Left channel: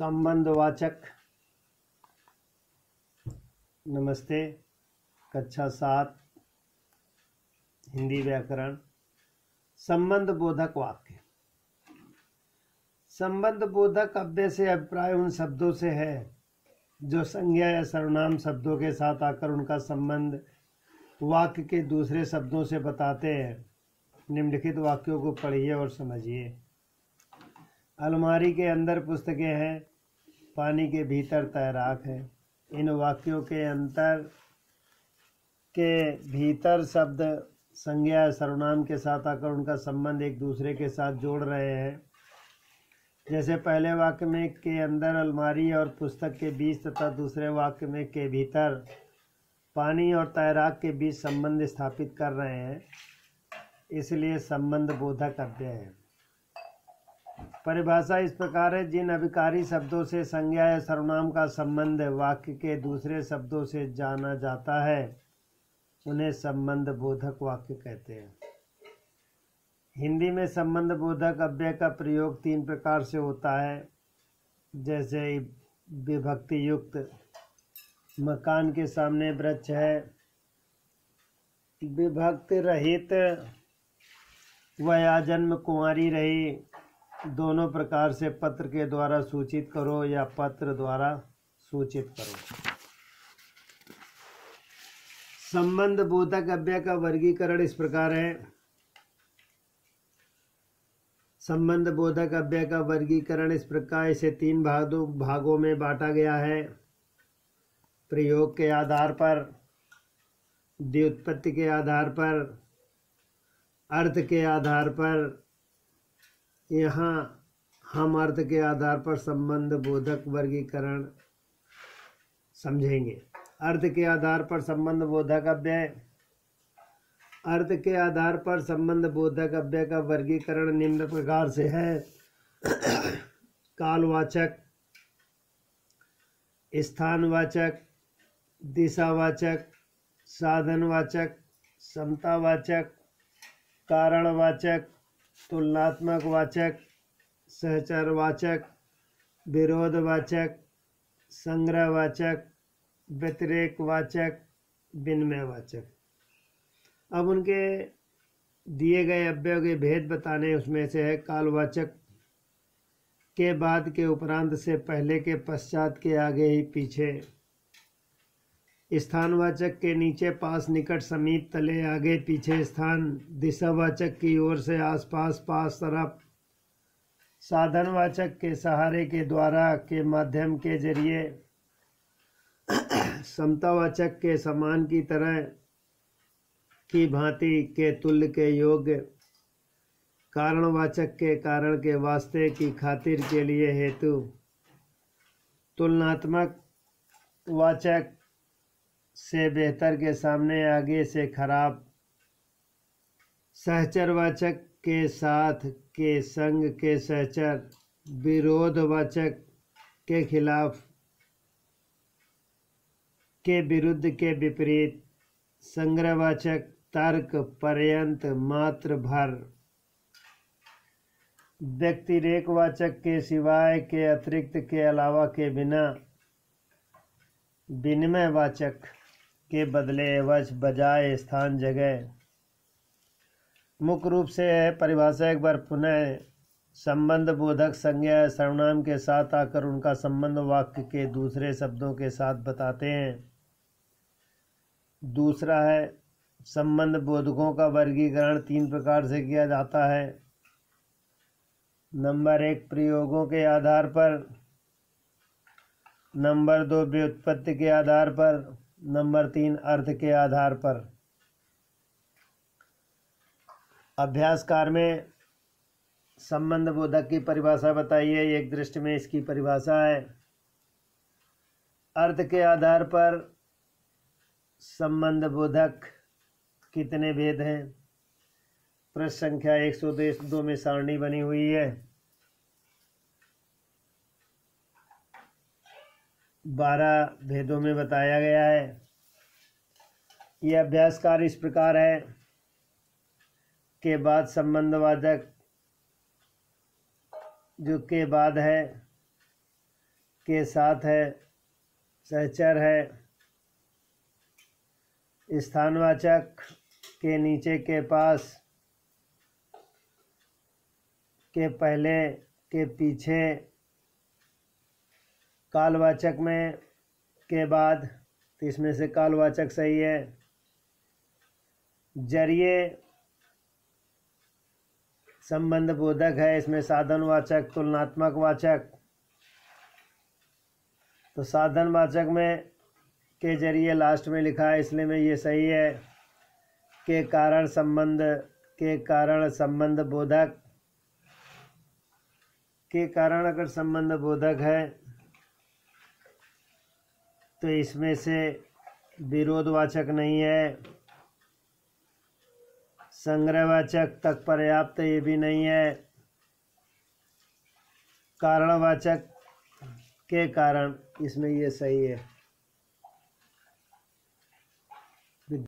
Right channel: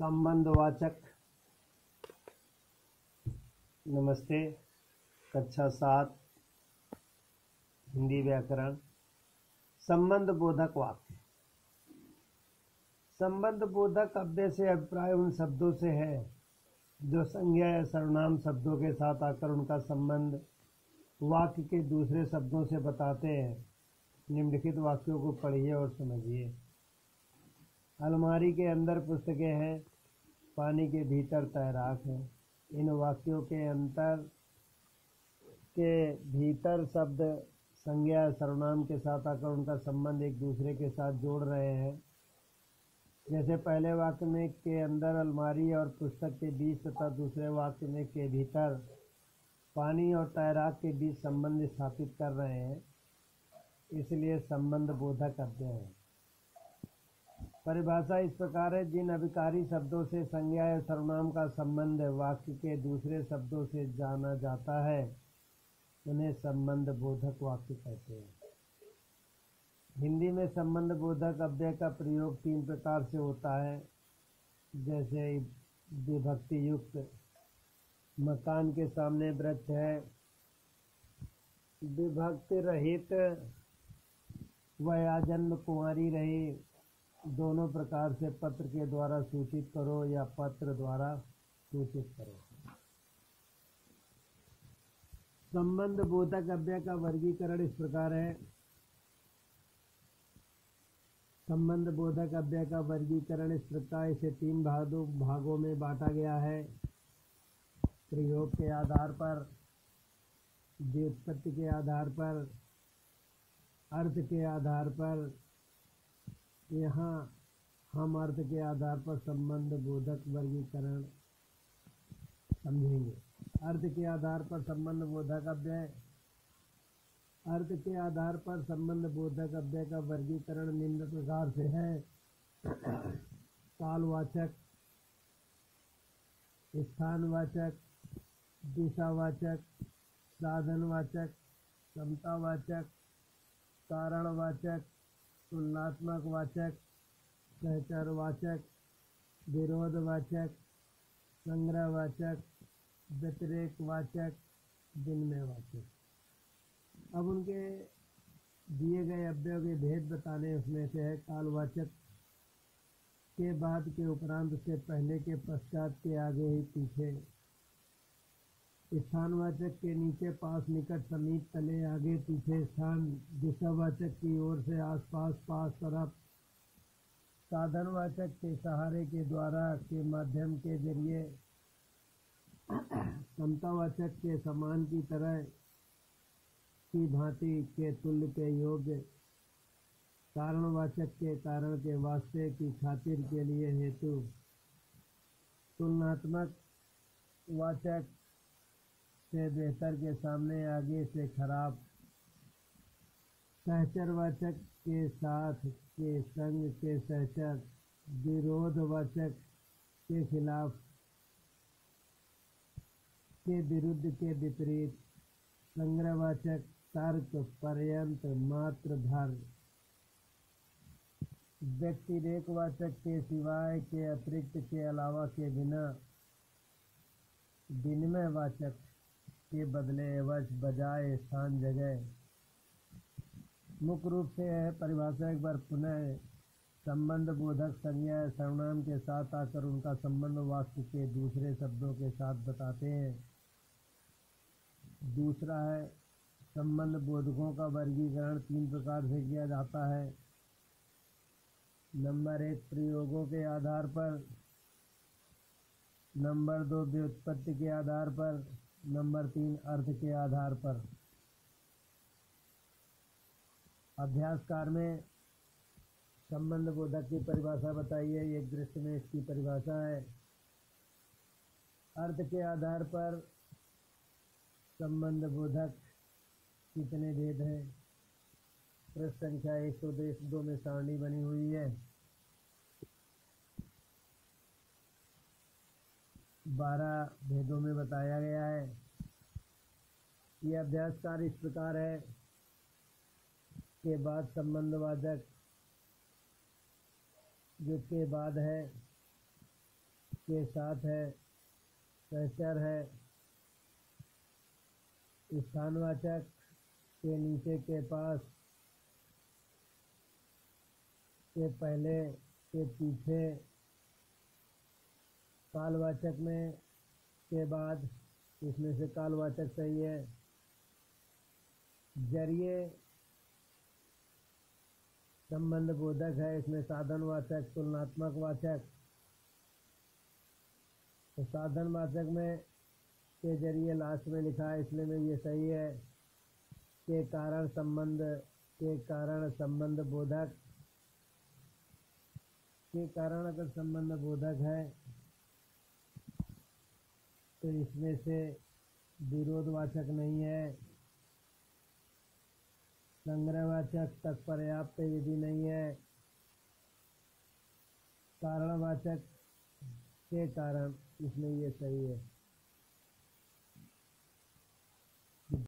संबंधवाचक। नमस्ते। कक्षा 7 हिंदी व्याकरण। संबंध बोधक वाक्य। संबंध बोधक अव्यय से अभिप्राय उन शब्दों से है जो संज्ञा या सर्वनाम शब्दों के साथ आकर उनका संबंध वाक्य के दूसरे शब्दों से बताते हैं। निम्नलिखित वाक्यों को पढ़िए और समझिए। अलमारी के अंदर पुस्तकें हैं, पानी के भीतर तैराक है। इन वाक्यों के अंतर के भीतर शब्द संज्ञा या सर्वनाम के साथ आकर उनका संबंध एक दूसरे के साथ जोड़ रहे हैं। जैसे पहले वाक्य में के अंदर अलमारी और पुस्तक के बीच तथा दूसरे वाक्य में के भीतर पानी और तैराक के बीच संबंध स्थापित कर रहे हैं, इसलिए संबंध बोधक अव्यय है। परिभाषा इस प्रकार है, जिन अभिकारी शब्दों से संज्ञा या सर्वनाम का संबंध वाक्य के दूसरे शब्दों से जाना जाता है उन्हें संबंध बोधक वाक्य कहते हैं। हिंदी में संबंध बोधक अव्यय का प्रयोग 3 प्रकार से होता है। जैसे विभक्ति युक्त, मकान के सामने वृक्ष है। विभक्ति रहित, वह आजन्म कुंवारी रही। दोनों प्रकार से पत्र के द्वारा सूचित करो या पत्र द्वारा सूचित करो। संबंध बोधक अव्यय का वर्गीकरण इस प्रकार है। संबंध बोधक अव्यय का वर्गीकरण इस प्रकार इसे 3 भागों में बांटा गया है। प्रयोग के आधार पर, व्युत्पत्ति के आधार पर, अर्थ के आधार पर। यहाँ हम अर्थ के आधार पर संबंध बोधक वर्गीकरण समझेंगे। अर्थ के आधार पर संबंध बोधक अव्यय। अर्थ के आधार पर संबंध बोधक अव्यय का वर्गीकरण निम्न प्रकार से है। कालवाचक, स्थानवाचक, दिशावाचक, साधनवाचक, समतावाचक, कारणवाचक, तुलनात्मक वाचक, सहचरवाचक, विरोधवाचक, संग्रहवाचक, व्यतिरेकवाचक, विनिमयवाचक। अब उनके दिए गए अव्ययों के भेद बताने उसमें से है। कालवाचक के बाद के उपरांत से पहले के पश्चात के आगे ही पीछे। स्थानवाचक के नीचे पास निकट समीप तले आगे पीछे स्थान। दिशावाचक की ओर से आसपास पास तरफ। साधनवाचक के सहारे के द्वारा के माध्यम के जरिए। समतावाचक के समान की तरह की भांति के तुल्य के योग्य। कारणवाचक के कारण के वास्ते की खातिर के लिए हेतु। तुलनात्मक वाचक से बेहतर के सामने आगे से खराब। सहचरवाचक के साथ के संग के सहचर। विरोधवाचक के खिलाफ के विरुद्ध के विपरीत। संग्रहवाचक तर्क पर्यंत मात्र भर। व्यतिरेकवाचक के सिवाय के अतिरिक्त के अलावा के बिना। विनिमयवाचक के बदले एवज बजाय स्थान जगह। मुख्य रूप से है परिभाषा एक बार पुनः। संबंध बोधक संज्ञा सर्वनाम के साथ आकर उनका संबंध वाक्य के दूसरे शब्दों के साथ बताते हैं। दूसरा है संबंध बोधकों का वर्गीकरण 3 प्रकार से किया जाता है। नंबर 1 प्रयोगों के आधार पर। नंबर 2 व्युत्पत्ति के आधार पर। नंबर 3 अर्थ के आधार पर। अभ्यासकार में संबंध बोधक की परिभाषा बताइए। एक दृष्टि में इसकी परिभाषा है। अर्थ के आधार पर संबंध बोधक कितने भेद हैं? पृष्ठ संख्या 102 में सारणी बनी हुई है। 12 भेदों में बताया गया है। यह अभ्यासकार इस प्रकार है। के बाद संबंधवाचक जो के बाद है के साथ है, सहचर है। स्थानवाचक के नीचे के पास, के पहले, के पीछे। कालवाचक में के बाद, तो इसमें से कालवाचक सही है। जरिए संबंध बोधक है, इसमें साधनवाचक, तुलनात्मक वाचक। तो साधनवाचक में के जरिए लास्ट में लिखा है, इसलिए में ये सही है। के कारण संबंध, के कारण संबंध बोधक। के कारण अगर संबंध बोधक है तो इसमें से विरोधवाचक नहीं है। संग्रहवाचक तक पर्याप्त, ये भी नहीं है। कारणवाचक के कारण, इसमें ये सही है।